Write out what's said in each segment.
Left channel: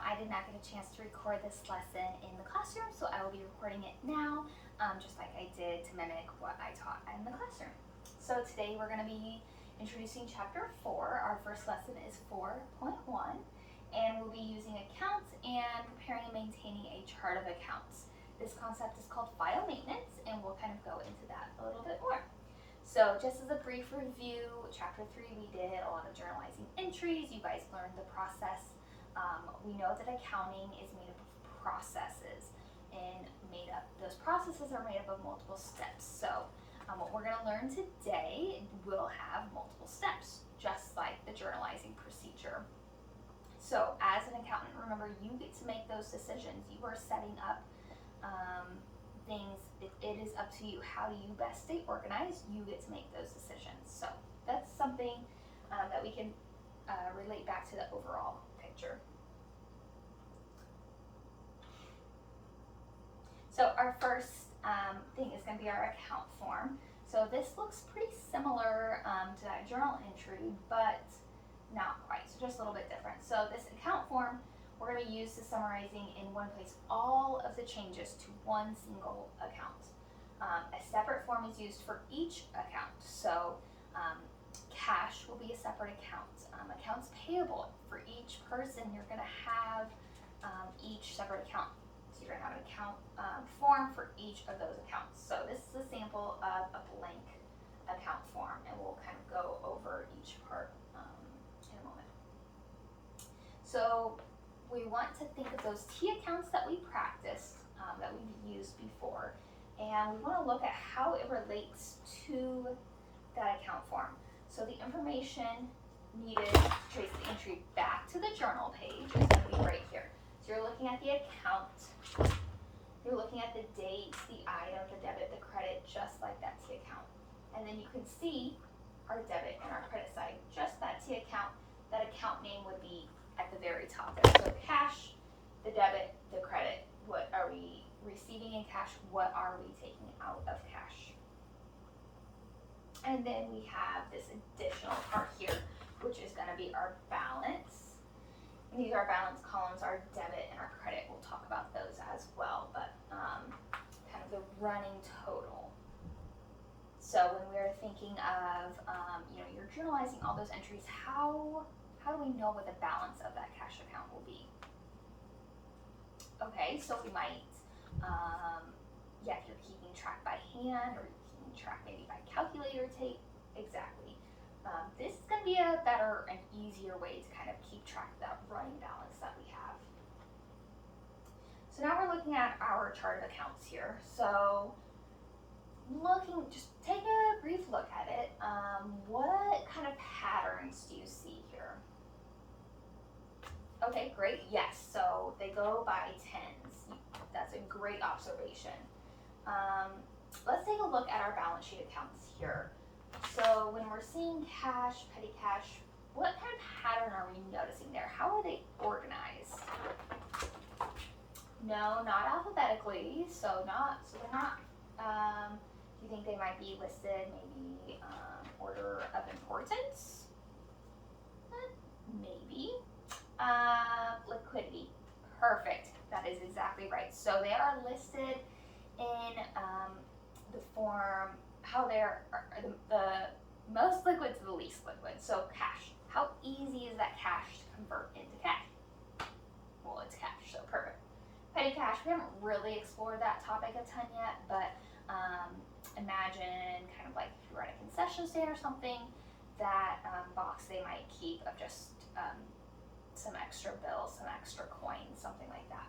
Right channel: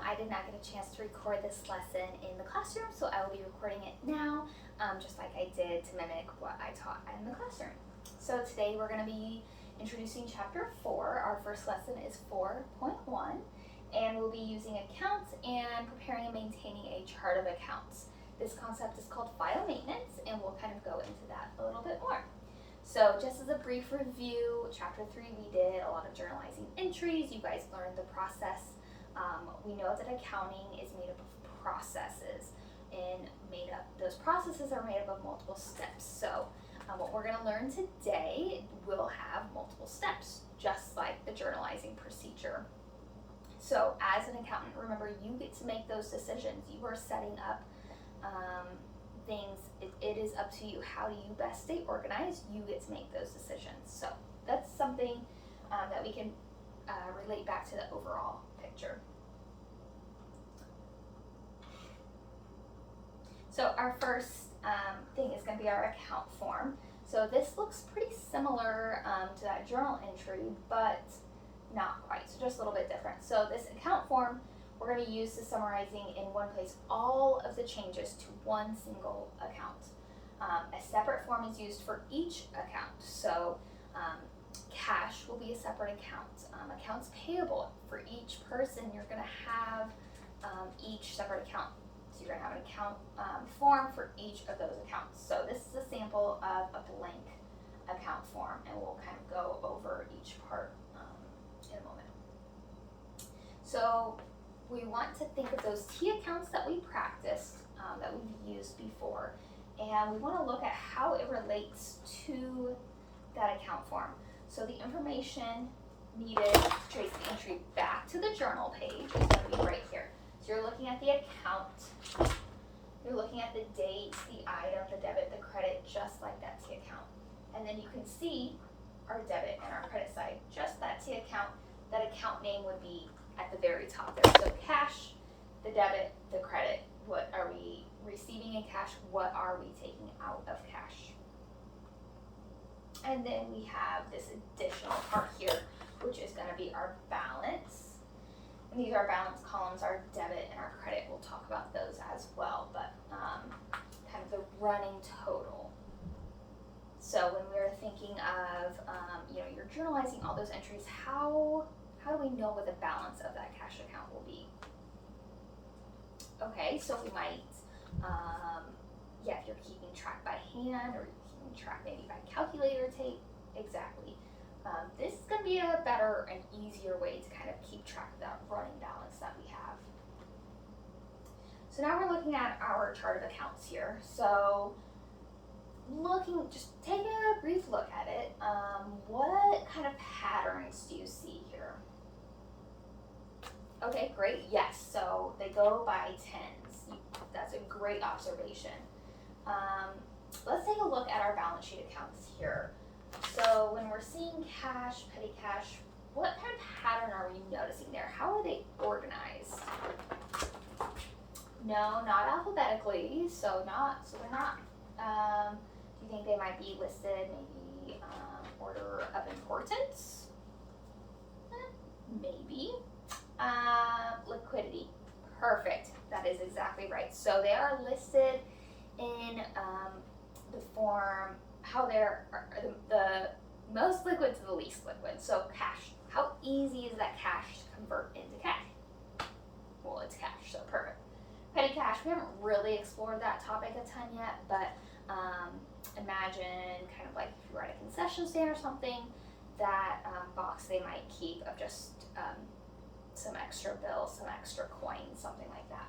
I did not get a chance to record this lesson in the classroom, so I will be recording it now, just like I did to mimic what I taught in the classroom. So today we're going to be introducing chapter 4. Our first lesson is 4.1, and we'll be using accounts and preparing and maintaining a chart of accounts. This concept is called file maintenance, and we'll kind of go into that a little bit more. So just as a brief review, chapter 3 we did a lot of journalizing entries. You guys learned the process. We know that accounting is made up of processes, and those processes are made up of multiple steps. So what we're going to learn today will have multiple steps, just like the journalizing procedure. So as an accountant, remember, you get to make those decisions. You are setting up things. It is up to you. How do you best stay organized? You get to make those decisions. So that's something that we can relate back to the overall picture. So our first thing is going to be our account form. So this looks pretty similar to that journal entry, but not quite. So just a little bit different. So this account form we're going to use to summarizing in one place all of the changes to one single account. A separate form is used for each account. So cash will be a separate account. Accounts payable, for each person you're going to have each separate account. So you're going to have an account form for each of those accounts. So this is a sample of a blank account form, and we'll kind of go over each part in a moment. So we want to think of those T accounts that we practiced, that we've used before, and we want to look at how it relates to that account form. So the information needed to trace the entry back to the journal page is going to be right here. So you're looking at the account, you're looking at the date, the item, the debit, the credit, just like that T account. And then you can see our debit and our credit side, just that T account. That account name would be at the very top there. So cash, the debit, the credit. What are we receiving in cash? What are we taking out of cash? And then we have this additional part here, which is going to be our balance. And these are our balance columns, our debit and our credit. We'll talk about those as well, but kind of the running total. So when we're thinking of, you're journalizing all those entries, how do we know what the balance of that cash account will be? Okay, so we might, if you're keeping track by hand or keeping track maybe by calculator tape, exactly. This is going to be a better and easier way to kind of keep track of that running balance that we have. So now we're looking at our chart of accounts here. So just take a brief look at it. What kind of patterns do you see here? Okay, great, yes, so they go by tens. That's a great observation. Let's take a look at our balance sheet accounts here. So when we're seeing cash, petty cash, what kind of pattern are we noticing there? How are they organized? No, not alphabetically, so we're not, do you think they might be listed maybe order of importance? Maybe. Liquidity, perfect, that is exactly right. So they are listed in the form, how they're the most liquid to the least liquid. So cash, how easy is that cash to convert into cash? Well, it's cash, so perfect. Petty cash, we haven't really explored that topic a ton yet, but imagine kind of like if you were at a concession stand or something, that box they might keep of just some extra bills, some extra coins, something like that.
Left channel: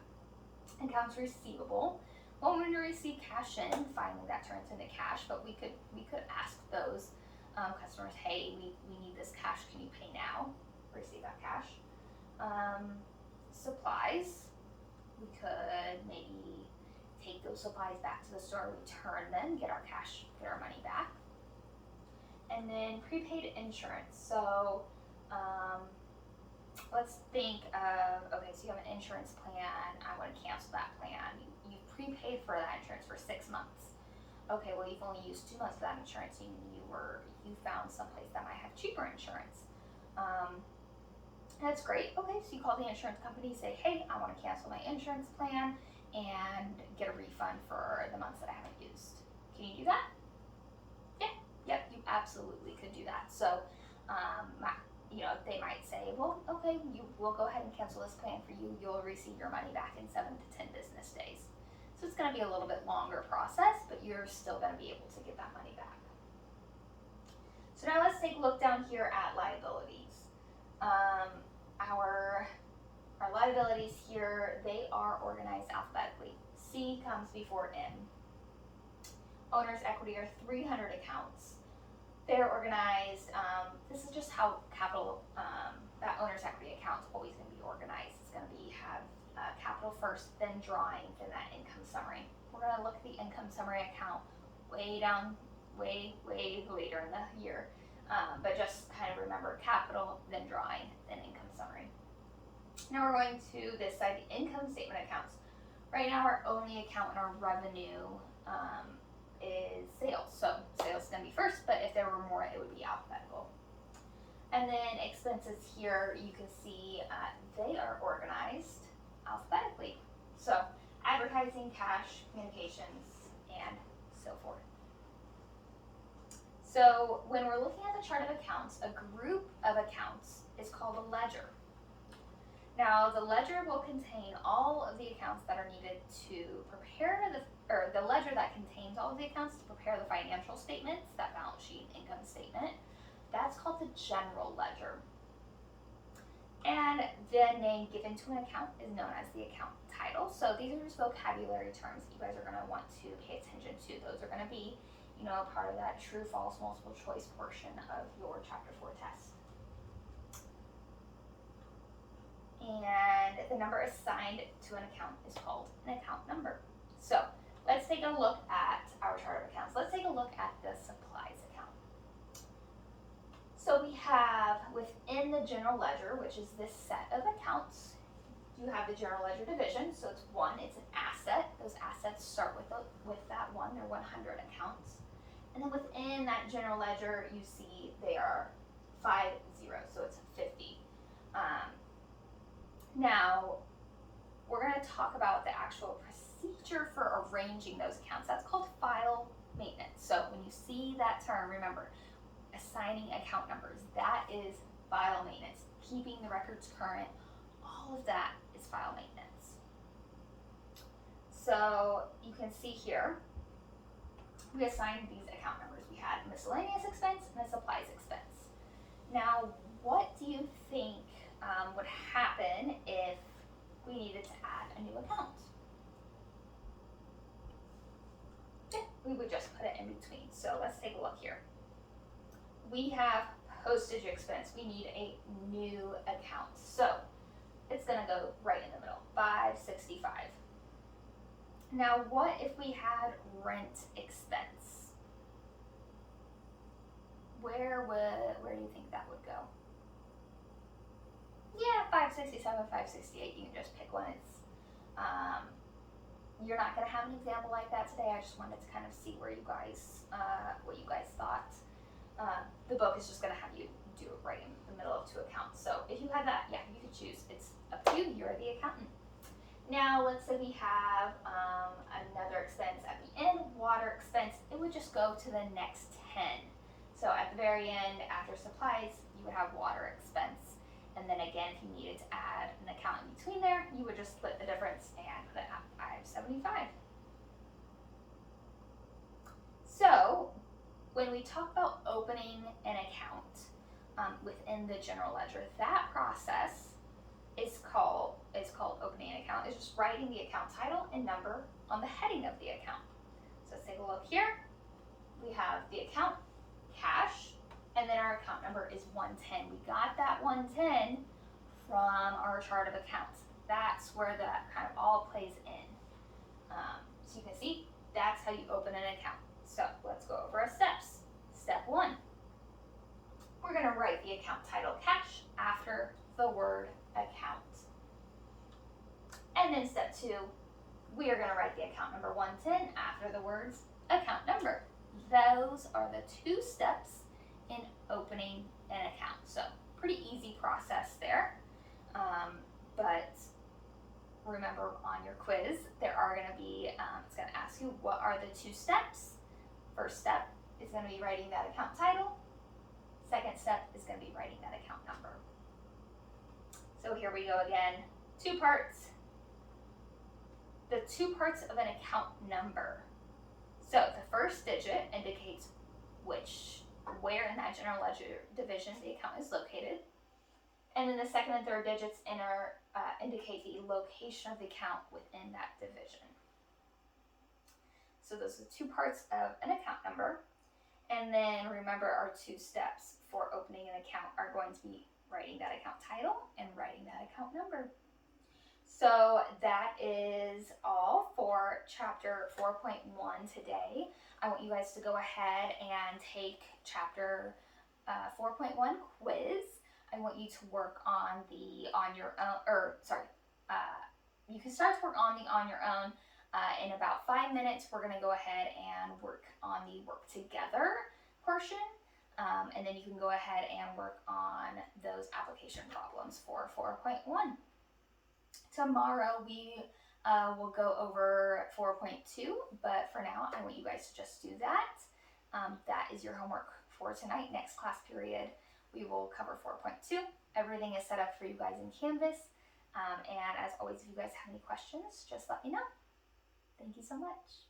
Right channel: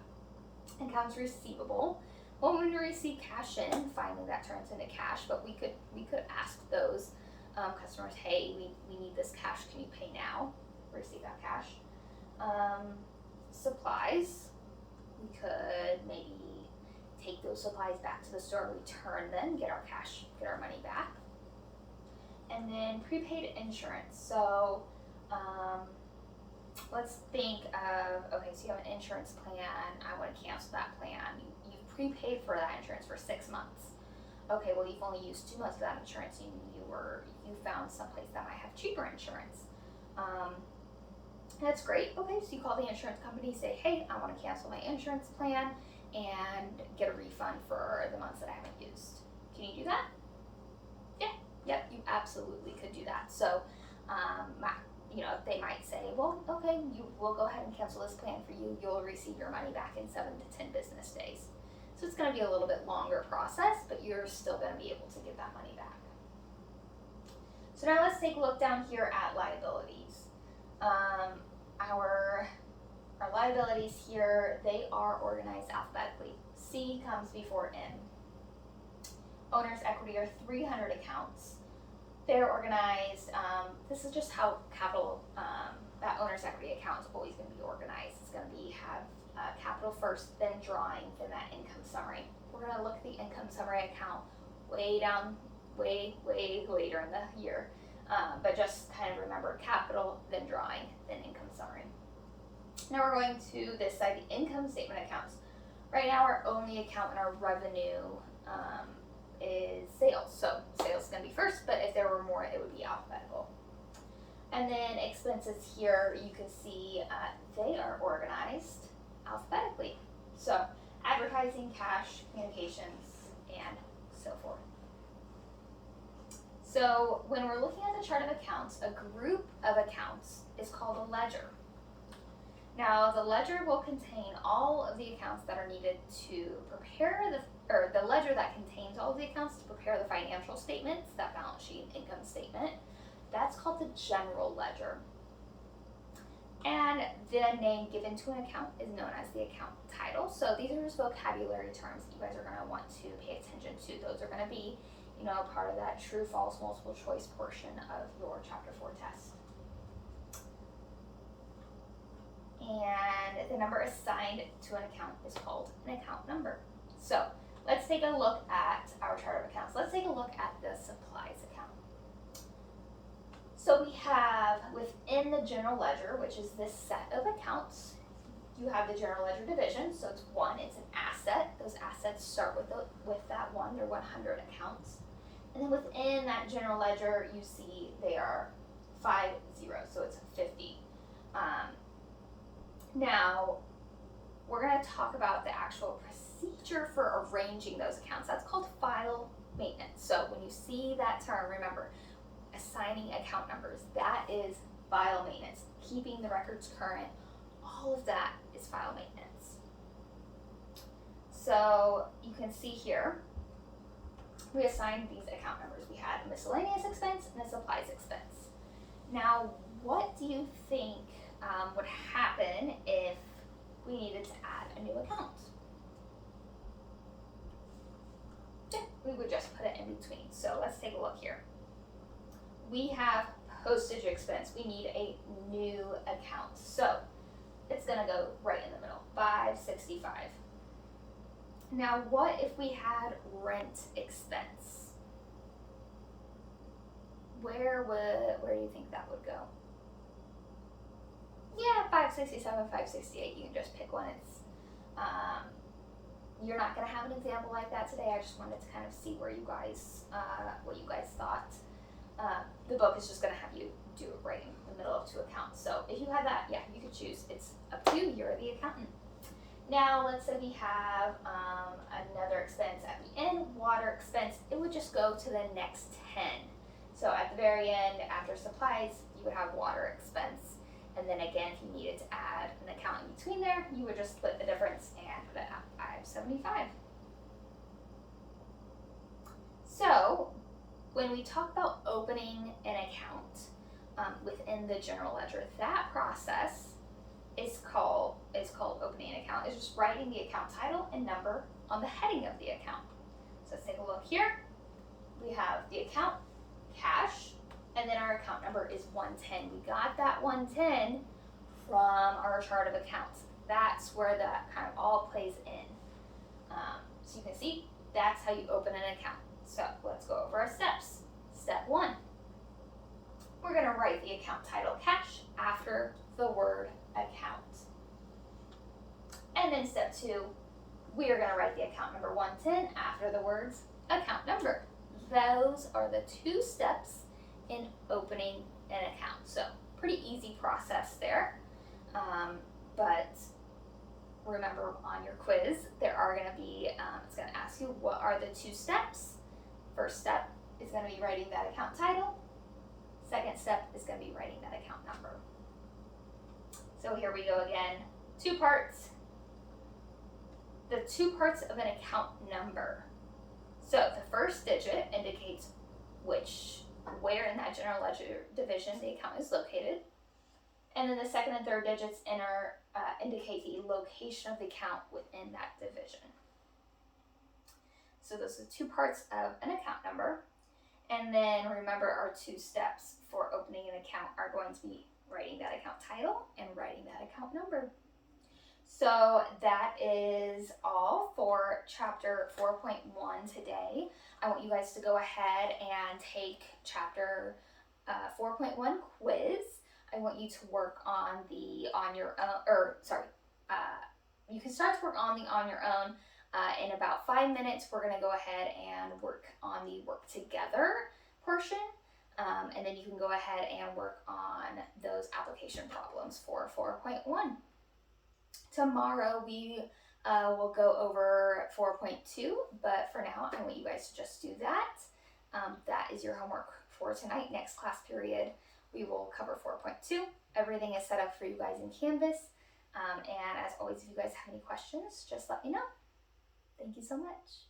Accounts receivable. Well, when we receive cash in, finally that turns into cash, but we could ask those customers, hey, we need this cash, can you pay now? Receive that cash. Supplies. We could maybe take those supplies back to the store, return them, get our cash, get our money back. And then prepaid insurance. So let's think of, okay, so you have an insurance plan, I want to cancel that plan. You've prepaid for that insurance for 6 months. Okay, well, you've only used 2 months of that insurance, you found someplace that might have cheaper insurance. That's great. Okay, so you call the insurance company, say, hey, I want to cancel my insurance plan and get a refund for the months that I haven't used. Can you do that? Yeah, yep, you absolutely could do that. So, they might say, well, okay, we'll go ahead and cancel this plan for you. You'll receive your money back in 7 to 10 business days. So it's going to be a little bit longer process, but you're still going to be able to get that money back. So now let's take a look down here at liabilities. Our liabilities here, they are organized alphabetically. C comes before N. Owner's equity are 300 accounts. They're organized, this is just how that owner's equity account is always going to be organized. It's going to have capital first, then drawing, then that income summary. We're going to look at the income summary account way down, way later in the year. But just kind of remember capital, then drawing, then income summary. Now we're going to this side, the income statement accounts. Right now our only account in our revenue is sales. So sales is going to be first, but if there were more, it would be alphabetical. And then expenses here, you can see they are organized alphabetically. So advertising, cash, communications, and so forth. So when we're looking at the chart of accounts, a group of accounts is called a ledger. Now the ledger will contain all of the accounts that are needed to prepare the ledger that contains all of the accounts to prepare the financial statements, that balance sheet and income statement. That's called the general ledger. And the name given to an account is known as the account title. So these are just vocabulary terms that you guys are going to want to pay attention to. Those are going to be, part of that true, false, multiple choice portion of your Chapter 4 test. And the number assigned to an account is called an account number. So let's take a look at our chart of accounts. Let's take a look at the supplies account. So we have within the general ledger, which is this set of accounts, you have the general ledger division. So it's an asset. Those assets start with that one, they're 100 accounts. And then within that general ledger, you see they are 5 zeros, so it's 50. Now, we're going to talk about the actual procedure for arranging those accounts. That's called file maintenance. So when you see that term, remember, assigning account numbers, that is file maintenance. Keeping the records current, all of that is file maintenance. So you can see here, we assigned these account numbers. We had a miscellaneous expense and a supplies expense. Now, what do you think would happen if we needed to add a new account? Yeah, we would just put it in between. So let's take a look here. We have postage expense. We need a new account. So it's going to go right in the middle, 565. Now, what if we had rent expense? Where do you think that would go? Yeah, 567, 568. You can just pick one. It's you're not going to have an example like that today. I just wanted to kind of see where you guys what you guys thought. The book is just going to have you do it right in the middle of two accounts. So if you had that, yeah, you could choose. It's up to you. You're the accountant. Now, let's say we have another expense at the end, water expense. It would just go to the next 10. So at the very end, after supplies, you would have water expense. And then again, if you needed to add an account in between there, you would just split the difference and put it at 575. So when we talk about opening an account within the general ledger, that process is called opening an account. It's just writing the account title and number on the heading of the account. So let's take a look here. We have the account, cash, and then our account number is 110. We got that 110 from our chart of accounts. That's where that kind of all plays in. So you can see that's how you open an account. So let's go over our steps. Step 1, we're going to write the account title cash after the word account. And then step 2, we are going to write the account number 110 after the words account number. Those are the 2 steps in opening an account. So pretty easy process there. remember on your quiz, there are going to be, it's going to ask you what are the 2 steps. First step is going to be writing that account title. Second step is going to be writing that account number. So here we go again, 2 parts. The 2 parts of an account number. So the first digit indicates where in that general ledger division the account is located. And then the second and third digits indicate the location of the account within that division. So those are the 2 parts of an account number. And then remember, our 2 steps for opening an account are going to be writing that account title and writing that account number. So that is all for chapter 4.1 today. I want you guys to go ahead and take chapter 4.1 quiz. I want you to work on the on your own, you can start to work on the on your own. In about 5 minutes, we're going to go ahead and work on the work together portion. And then you can go ahead and work on those application problems for 4.1. Tomorrow we will go over 4.2, but for now I want you guys to just do that. That is your homework for tonight. Next class period we will cover 4.2. Everything is set up for you guys in Canvas. And as always, if you guys have any questions, just let me know. Thank you so much.